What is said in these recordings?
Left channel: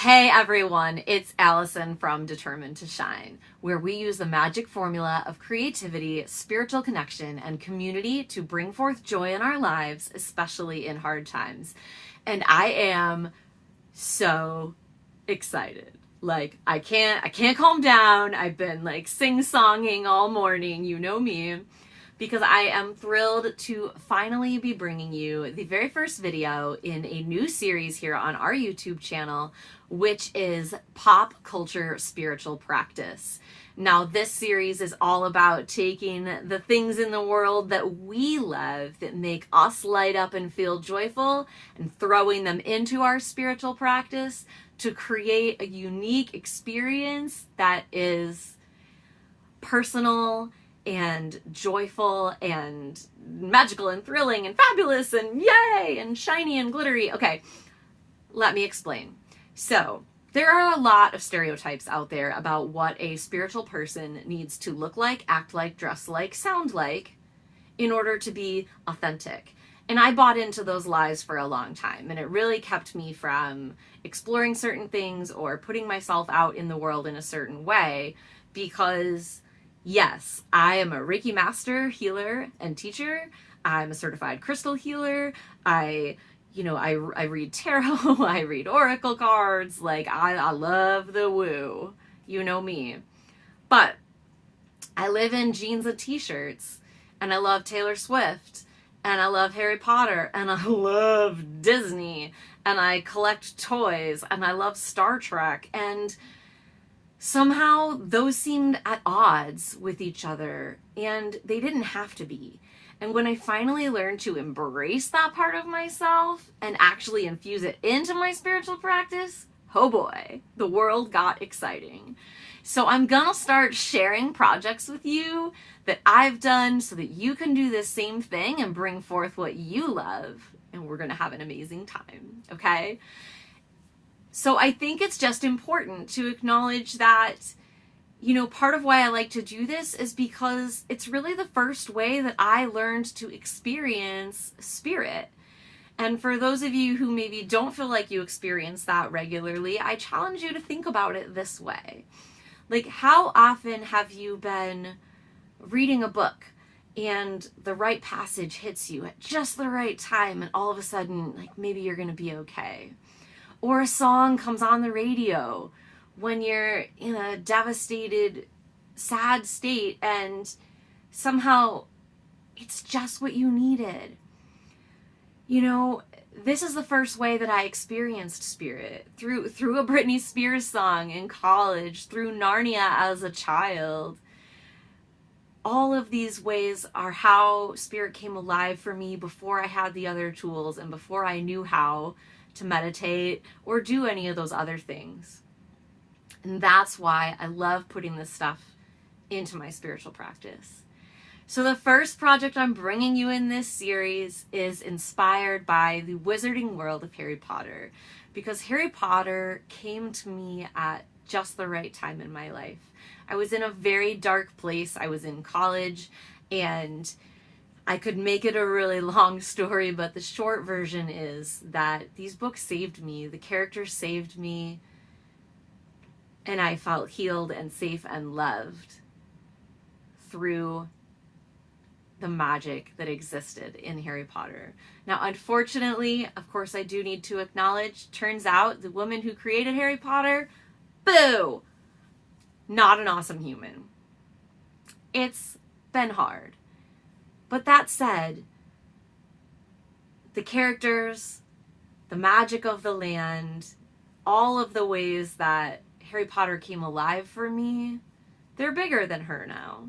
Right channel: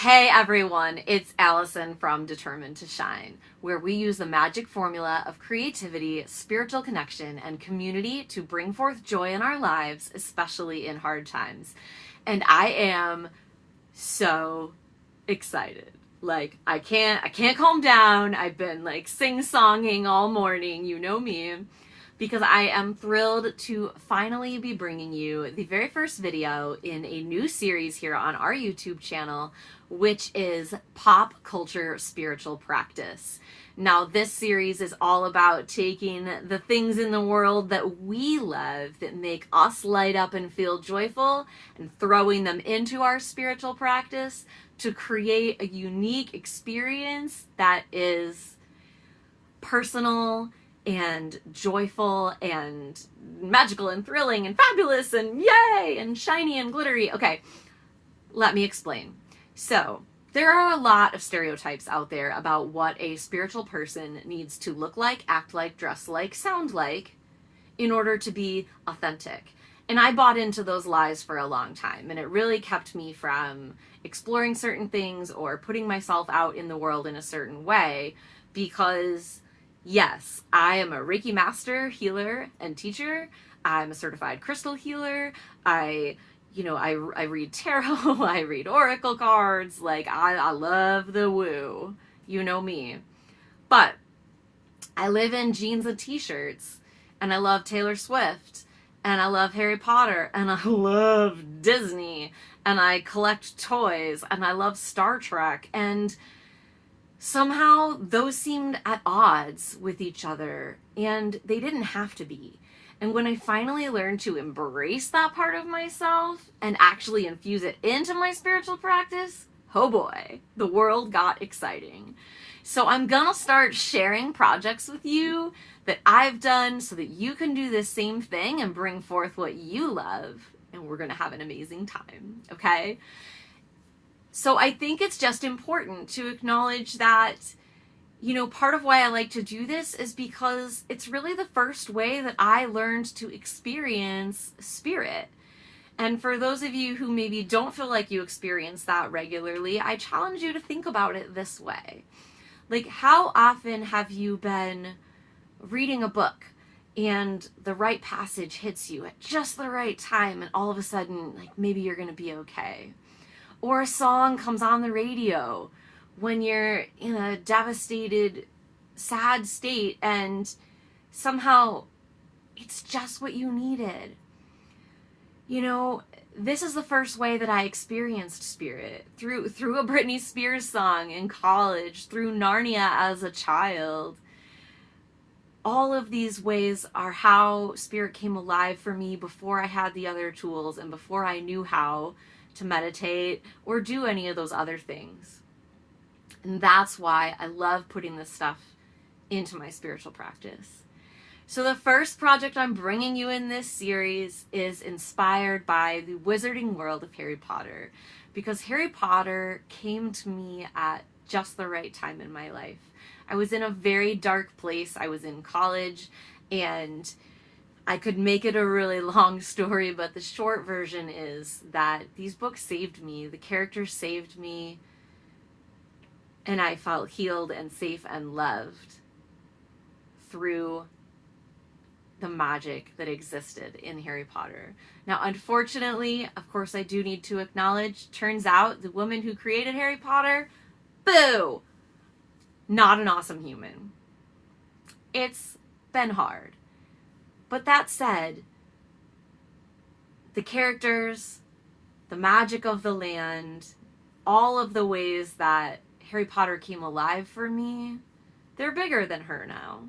Hey everyone, it's Allison from Determined to Shine, where we use the magic formula of creativity, spiritual connection, and community to bring forth joy in our lives, especially in hard times. And I am so excited. I can't calm down. I've been sing-songing all morning, you know me, because I am thrilled to finally be bringing you the very first video in a new series here on our YouTube channel, which is Pop Culture Spiritual Practice. Now, this series is all about taking the things in the world that we love, that make us light up and feel joyful, and throwing them into our spiritual practice to create a unique experience that is personal and joyful and magical and thrilling and fabulous and yay and shiny and glittery. Okay, let me explain. So there are a lot of stereotypes out there about what a spiritual person needs to look like, act like, dress like, sound like in order to be authentic. And I bought into those lies for a long time, and it really kept me from exploring certain things or putting myself out in the world in a certain way because yes, I am a Reiki master, healer, and teacher. I'm a certified crystal healer. I read tarot, I read oracle cards. I love the woo. You know me. But I live in jeans and t-shirts, and I love Taylor Swift, and I love Harry Potter, and I love Disney, and I collect toys, and I love Star Trek, and somehow those seemed at odds with each other, and they didn't have to be. And when I finally learned to embrace that part of myself and actually infuse it into my spiritual practice, oh boy, the world got exciting. So I'm gonna start sharing projects with you that I've done so that you can do this same thing and bring forth what you love, and we're gonna have an amazing time, okay? So I think it's just important to acknowledge that, part of why I like to do this is because it's really the first way that I learned to experience spirit. And for those of you who maybe don't feel like you experience that regularly, I challenge you to think about it this way. How often have you been reading a book and the right passage hits you at just the right time, and all of a sudden, maybe you're going to be okay? Or a song comes on the radio when you're in a devastated, sad state, and somehow it's just what you needed. This is the first way that I experienced spirit, through a Britney Spears song in college, through Narnia as a child. All of these ways are how spirit came alive for me before I had the other tools and before I knew how to meditate or do any of those other things. And that's why I love putting this stuff into my spiritual practice. So the first project I'm bringing you in this series is inspired by the wizarding world of Harry Potter, because Harry Potter came to me at just the right time in my life. I was in a very dark place. I was in college, and I could make it a really long story, but the short version is that these books saved me. The characters saved me, and I felt healed and safe and loved through the magic that existed in Harry Potter. Now, unfortunately, of course, I do need to acknowledge, turns out the woman who created Harry Potter, boo, not an awesome human. It's been hard. But that said, the characters, the magic of the land, all of the ways that Harry Potter came alive for me, they're bigger than her now,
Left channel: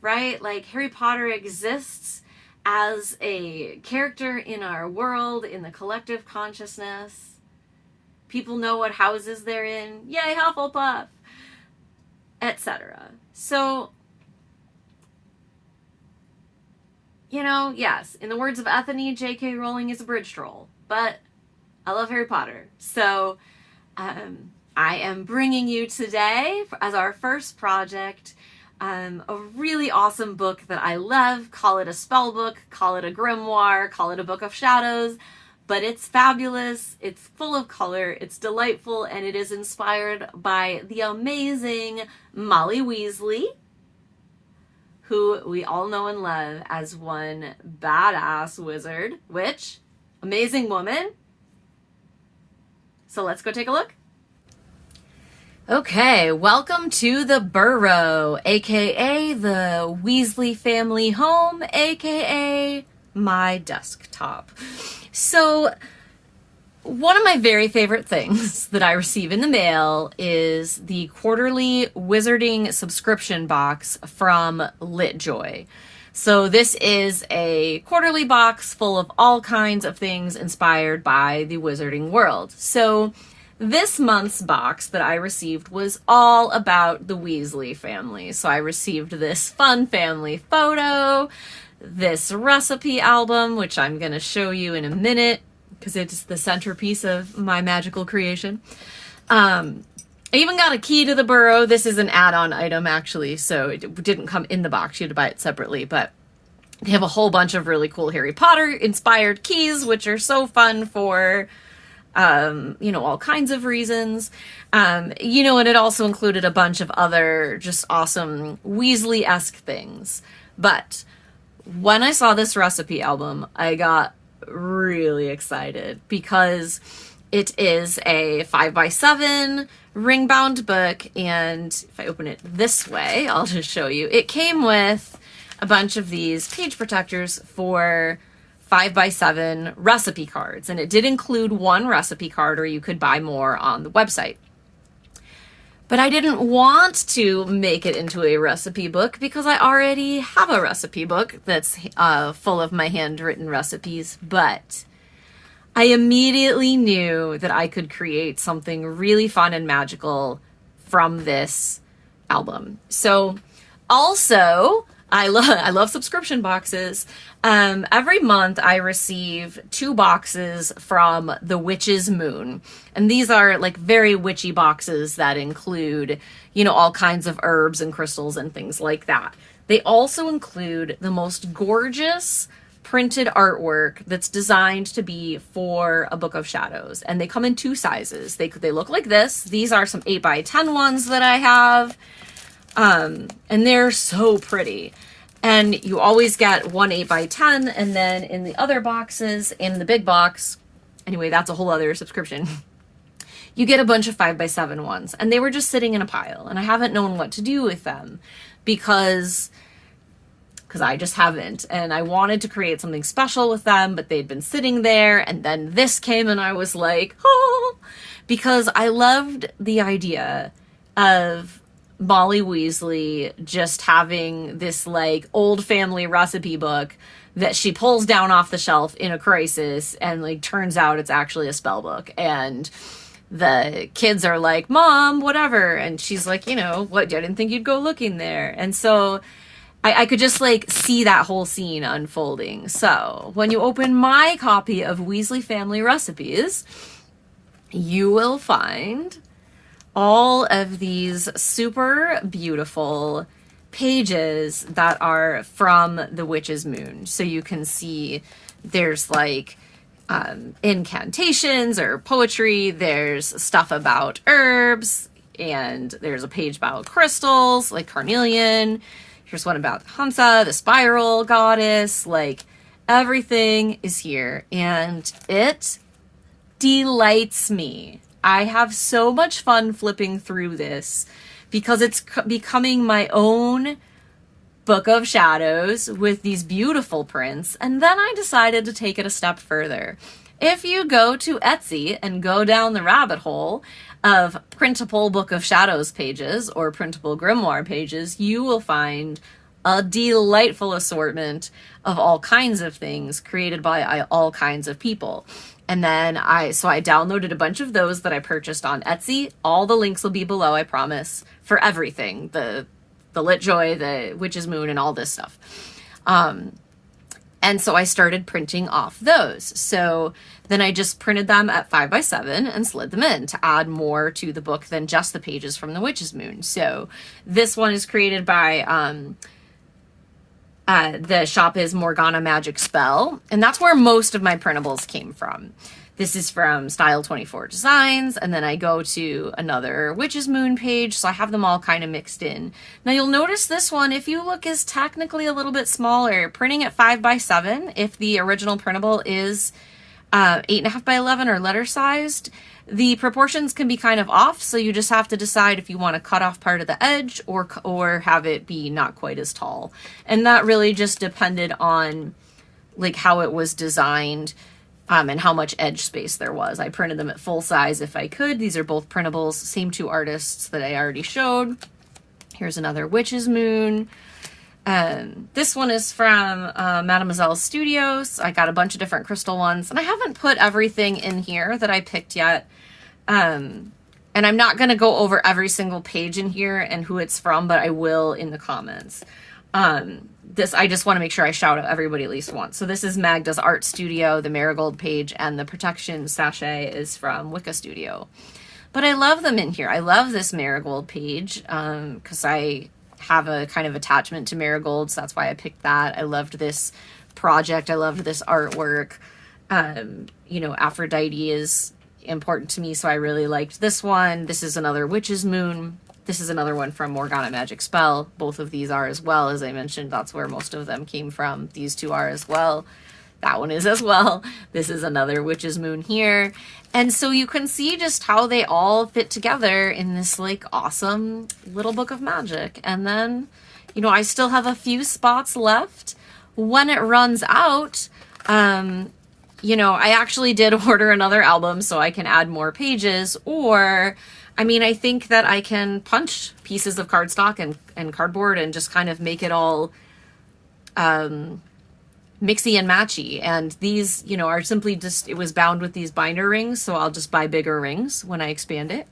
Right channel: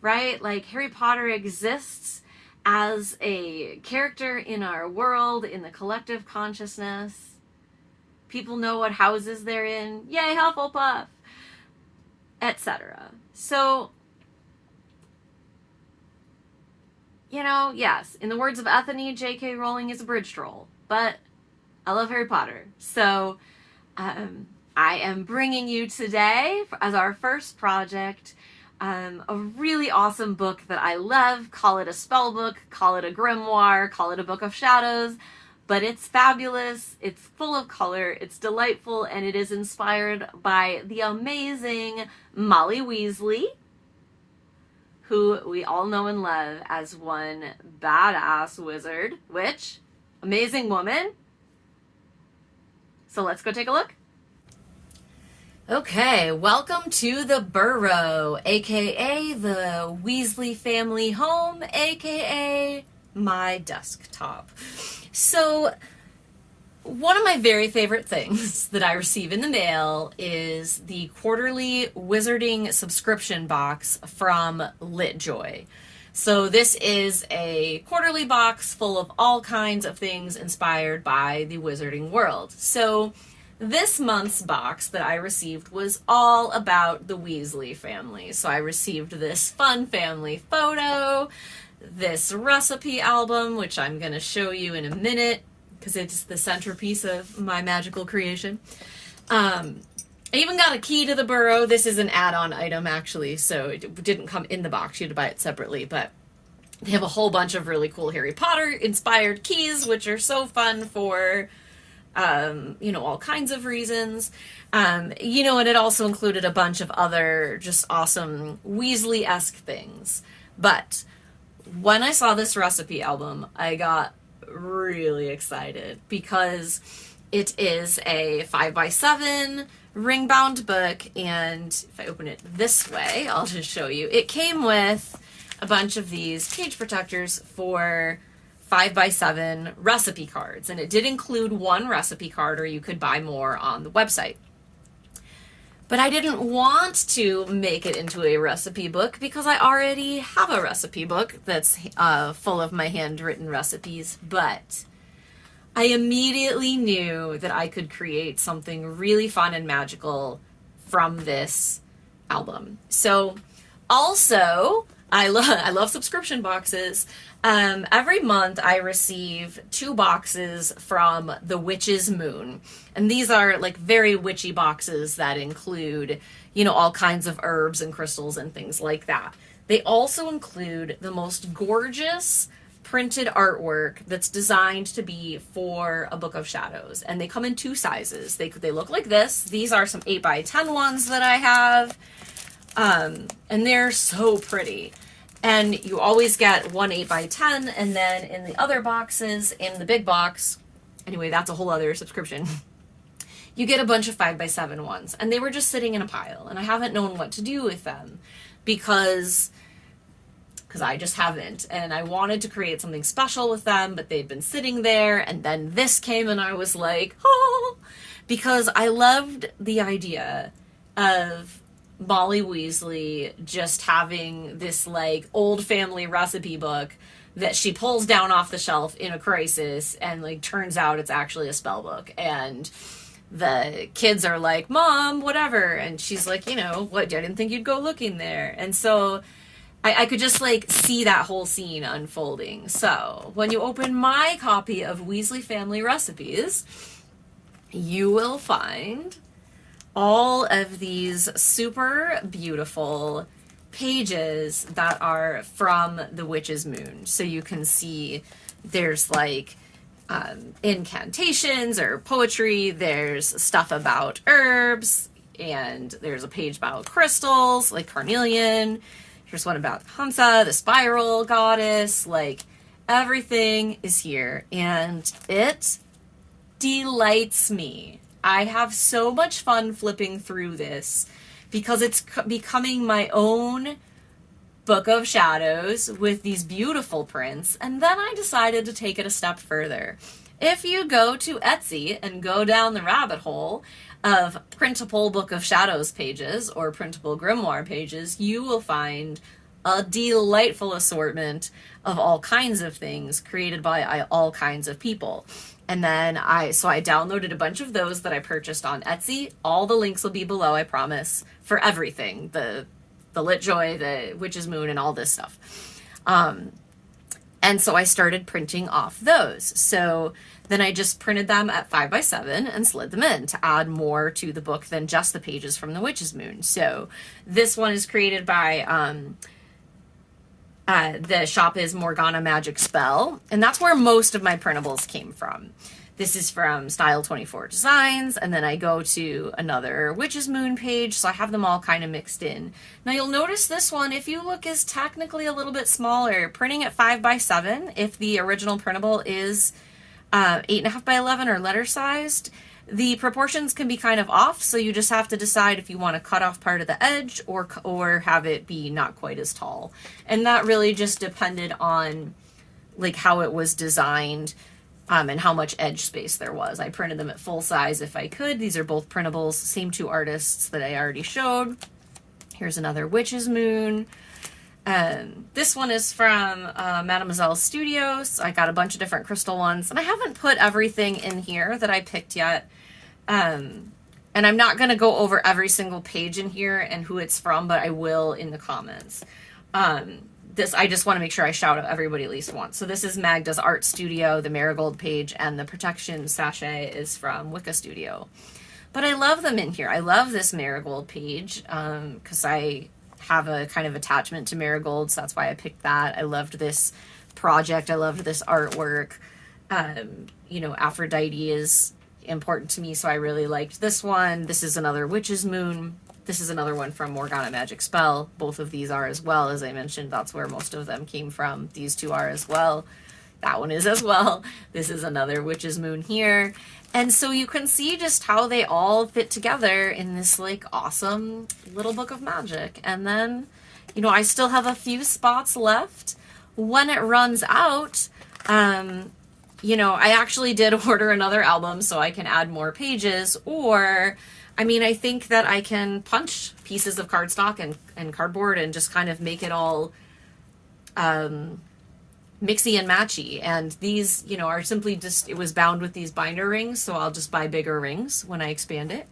right? Harry Potter exists as a character in our world, in the collective consciousness. People know what houses they're in. Yay, Hufflepuff! Etc. So, yes, in the words of Ethany, J.K. Rowling is a bridge troll, but I love Harry Potter. So, I am bringing you today, as our first project, a really awesome book that I love. Call it a spell book, call it a grimoire, call it a book of shadows, but it's fabulous, it's full of color, it's delightful, and it is inspired by the amazing Molly Weasley, who we all know and love as one badass wizard, witch, amazing woman. So let's go take a look. Okay, welcome to the Burrow, aka the Weasley family home, aka my desktop. So, one of my very favorite things that I receive in the mail is the quarterly wizarding subscription box from LitJoy. So this is a quarterly box full of all kinds of things inspired by the wizarding world. So this month's box that I received was all about the Weasley family. So I received this fun family photo, this recipe album, which I'm going to show you in a minute because it's the centerpiece of my magical creation. I even got a key to the Burrow. This is an add-on item, actually, so it didn't come in the box. You had to buy it separately, but they have a whole bunch of really cool Harry Potter-inspired keys, which are so fun for, all kinds of reasons. And it also included a bunch of other just awesome Weasley-esque things. But when I saw this recipe album, I got really excited because it is a 5x7 ring-bound book, and if I open it this way, I'll just show you. It came with a bunch of these page protectors for 5x7 recipe cards, and it did include one recipe card, or you could buy more on the website. But I didn't want to make it into a recipe book because I already have a recipe book that's full of my handwritten recipes. But I immediately knew that I could create something really fun and magical from this album. So also, I love subscription boxes. Every month I receive 2 boxes from the Witch's Moon. And these are like very witchy boxes that include, all kinds of herbs and crystals and things like that. They also include the most gorgeous printed artwork that's designed to be for a Book of Shadows. And they come in 2 sizes. They look like this. These are some 8x10 ones that I have. And they're so pretty. And you always get one 8x10, and then in the other boxes, in the big box, anyway, that's a whole other subscription, you get a bunch of 5x7 ones. And they were just sitting in a pile, and I haven't known what to do with them because I just haven't. And I wanted to create something special with them, but they'd been sitting there, and then this came, and I was like, oh, because I loved the idea of Molly Weasley just having this like old family recipe book that she pulls down off the shelf in a crisis, and like turns out it's actually a spell book, and the kids are like, Mom, whatever, and she's like, what, I didn't think you'd go looking there. And so I could just like see that whole scene unfolding. So when you open my copy of Weasley Family Recipes, you will find all of these super beautiful pages that are from the Witch's Moon. So you can see there's like incantations or poetry, there's stuff about herbs, and there's a page about crystals like carnelian. Here's one about Hamsa, the spiral goddess. Like, everything is here, and it delights me. I have so much fun flipping through this because it's becoming my own Book of Shadows with these beautiful prints. And then I decided to take it a step further. If you go to Etsy and go down the rabbit hole of printable Book of Shadows pages or printable Grimoire pages, you will find a delightful assortment of all kinds of things created by all kinds of people. And then I downloaded a bunch of those that I purchased on Etsy. All the links will be below, I promise, for everything. The LitJoy, the Witch's Moon, and all this stuff. And so I started printing off those. So then I just printed them at 5x7 and slid them in to add more to the book than just the pages from the Witch's Moon. So this one is created by The shop is Morgana Magic Spell, and that's where most of my printables came from. This is from Style 24 Designs, and then I go to another Witch's Moon page, so I have them all kind of mixed in. Now you'll notice this one, if you look, is technically a little bit smaller. Printing at 5x7, if the original printable is 8.5x11 or letter sized, the proportions can be kind of off, so you just have to decide if you want to cut off part of the edge or have it be not quite as tall. And that really just depended on like how it was designed. And how much edge space there was. I printed them at full size if I could. These are both printables, same two artists that I already showed. Here's another Witch's Moon. This one is from Mademoiselle Studios. I got a bunch of different crystal ones, and I haven't put everything in here that I picked yet. And I'm not going to go over every single page in here and who it's from, but I will in the comments. I just want to make sure I shout out everybody at least once. So this is Magda's Art Studio, the Marigold page, and the Protection Sachet is from Wicca Studio. But I love them in here. I love this Marigold page because I have a kind of attachment to marigolds. That's why I picked that. I loved this project. I loved this artwork. You know, Aphrodite is important to me, so I really liked this one. This is another Witch's Moon. This is another one from Morgana Magic Spell. Both of these are as well. As I mentioned, that's where most of them came from. These two are as well. That one is as well. This is another Witch's Moon here. And so you can see just how they all fit together in this like awesome little book of magic. And then, you know, I still have a few spots left. When it runs out, you know, I actually did order another album so I can add more pages, or I mean, I think that I can punch pieces of cardstock and cardboard and just kind of make it all mixy and matchy. And these, you know, are simply just, it was bound with these binder rings, so I'll just buy bigger rings when I expand it.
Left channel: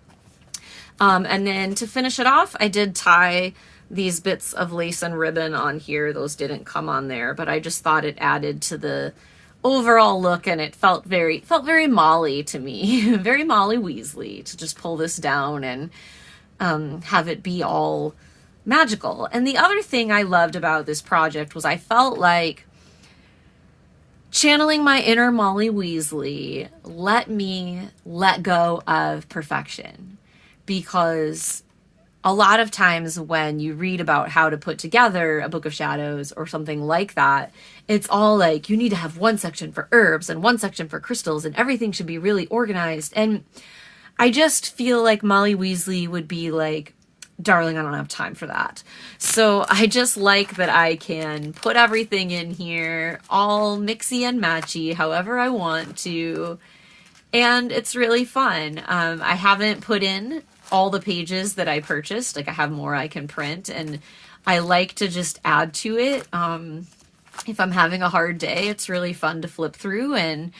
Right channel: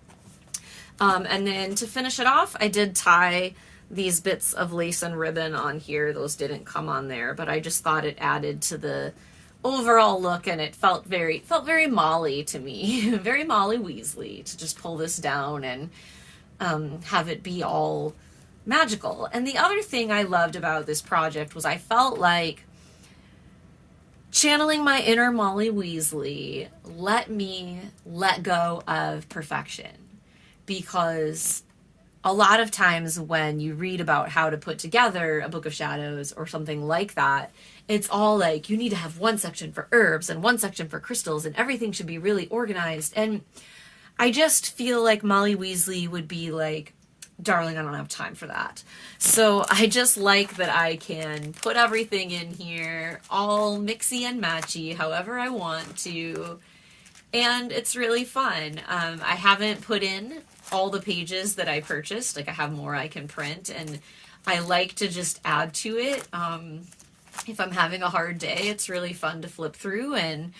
And then to finish it off, I did tie these bits of lace and ribbon on here. Those didn't come on there, but I just thought it added to the overall look, and it felt very Molly to me. Very Molly Weasley to just pull this down and have it be all magical. And the other thing I loved about this project was I felt like channeling my inner Molly Weasley let me let go of perfection, because a lot of times when you read about how to put together a book of shadows or something like that, it's all like you need to have one section for herbs and one section for crystals and everything should be really organized. And I just feel like Molly Weasley would be like, darling, I don't have time for that. So I just like that I can put everything in here all mixy and matchy however I want to. And it's really fun. I haven't put in all the pages that I purchased. Like I have more I can print, and I like to just add to it. If I'm having a hard day, it's really fun to flip through, and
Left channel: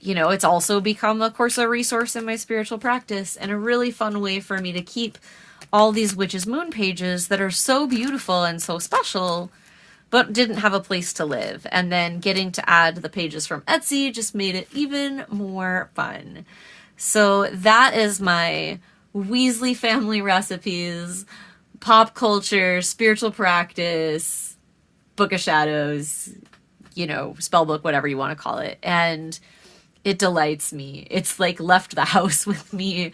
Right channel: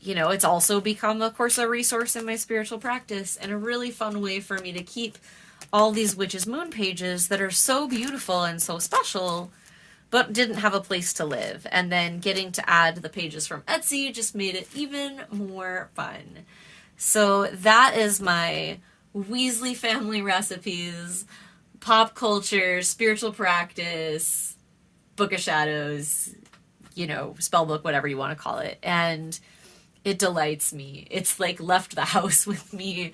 you know, it's also become, of course, a resource in my spiritual practice and a really fun way for me to keep all these Witch's Moon pages that are so beautiful and so special, but didn't have a place to live. And then getting to add the pages from Etsy just made it even more fun. So that is my Weasley family recipes, pop culture, spiritual practice, book of shadows, you know, spell book, whatever you want to call it. And it delights me. It's like left the house with me,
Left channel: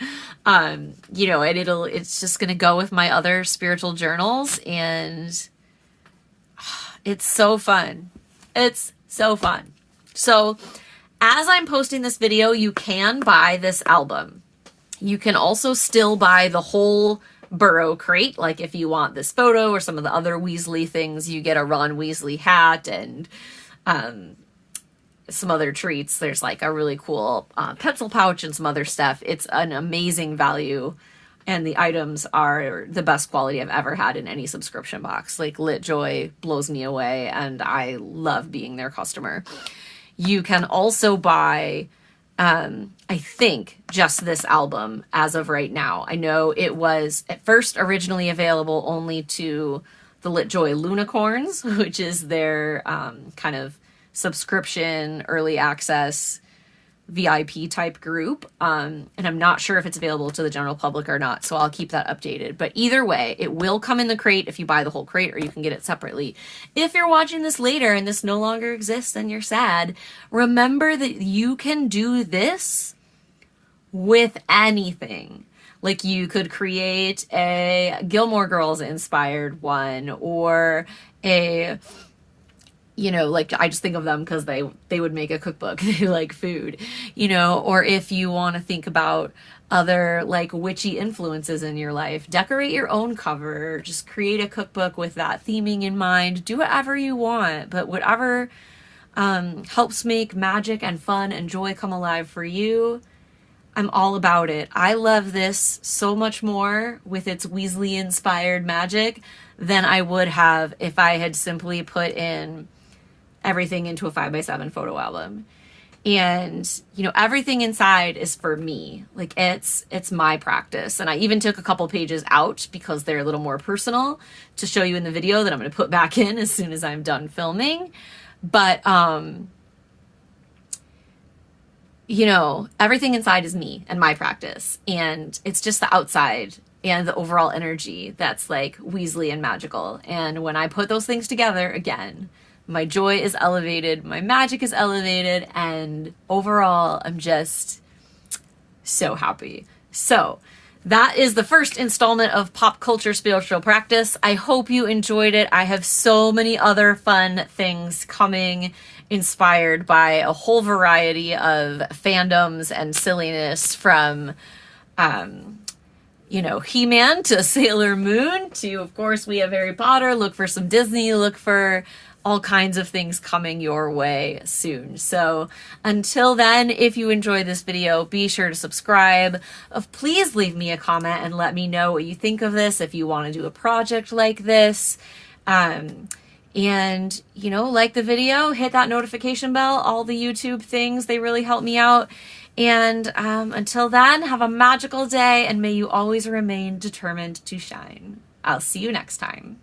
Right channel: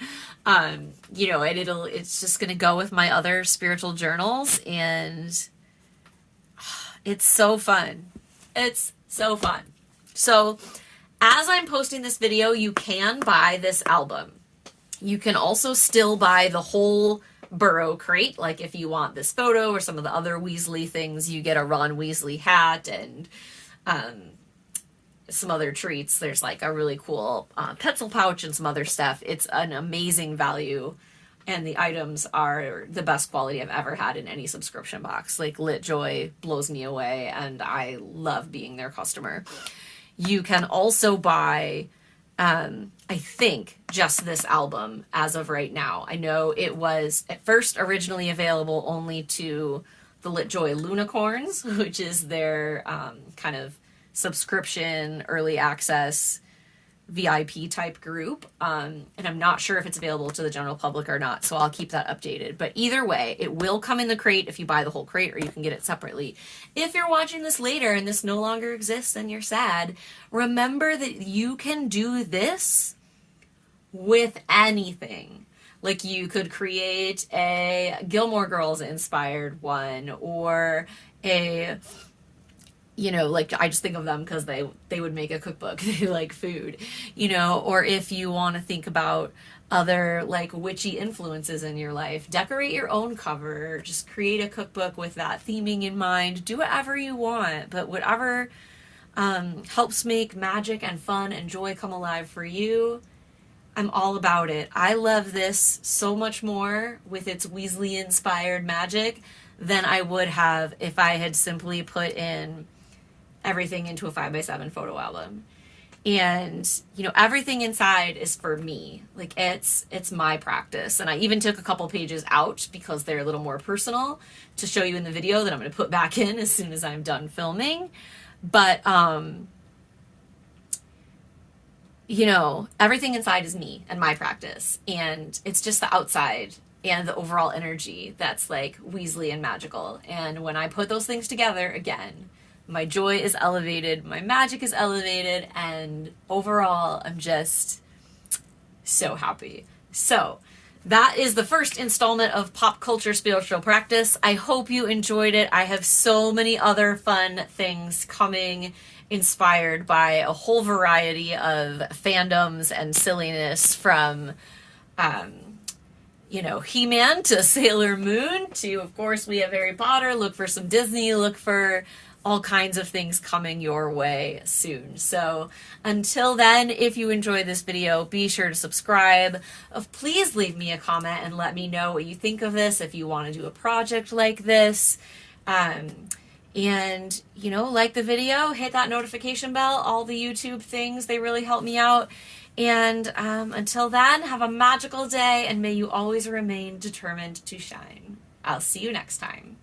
you know, and it's just going to go with my other spiritual journals. And it's so fun. It's so fun. So as I'm posting this video, you can buy this album. You can also still buy the whole Burrow crate. Like if you want this photo or some of the other Weasley things, you get a Ron Weasley hat and some other treats. There's like a really cool pencil pouch and some other stuff. It's an amazing value, and the items are the best quality I've ever had in any subscription box. Like LitJoy blows me away, and I love being their customer. You can also buy, I think, just this album as of right now. I know it was at first originally available only to the LitJoy Lunicorns, which is their kind of subscription, early access VIP type group. And I'm not sure if it's available to the general public or not, so I'll keep that updated. But either way, it will come in the crate if you buy the whole crate, or you can get it separately. If you're watching this later and this no longer exists and you're sad, remember that you can do this with anything. Like, you could create a Gilmore Girls inspired one, or a, you know, like, I just think of them because they would make a cookbook. They like food, you know. Or if you want to think about other like witchy influences in your life, decorate your own cover, just create a cookbook with that theming in mind. Do whatever you want, but whatever helps make magic and fun and joy come alive for you, I'm all about it. I love this so much more with its Weasley-inspired magic than I would have if I had simply put in everything into a 5x7 photo album. And, you know, everything inside is for me. Like, it's my practice. And I even took a couple pages out because they're a little more personal to show you in the video that I'm going to put back in as soon as I'm done filming. But, you know, everything inside is me and my practice. And it's just the outside and the overall energy that's like Weasley and magical. And when I put those things together, again, my joy is elevated, my magic is elevated, and overall, I'm just so happy. So that is the first installment of Pop Culture Spiritual Practice. I hope you enjoyed it. I have so many other fun things coming, inspired by a whole variety of fandoms and silliness, from, you know, He-Man to Sailor Moon to, of course, we have Harry Potter. Look for some Disney. Look for all kinds of things coming your way soon. So until then, if you enjoyed this video, be sure to subscribe. Please leave me a comment and let me know what you think of this, if you want to do a project like this. And, you know, like the video, hit that notification bell, all the YouTube things, they really help me out. And until then, have a magical day, and may you always remain determined to shine. I'll see you next time.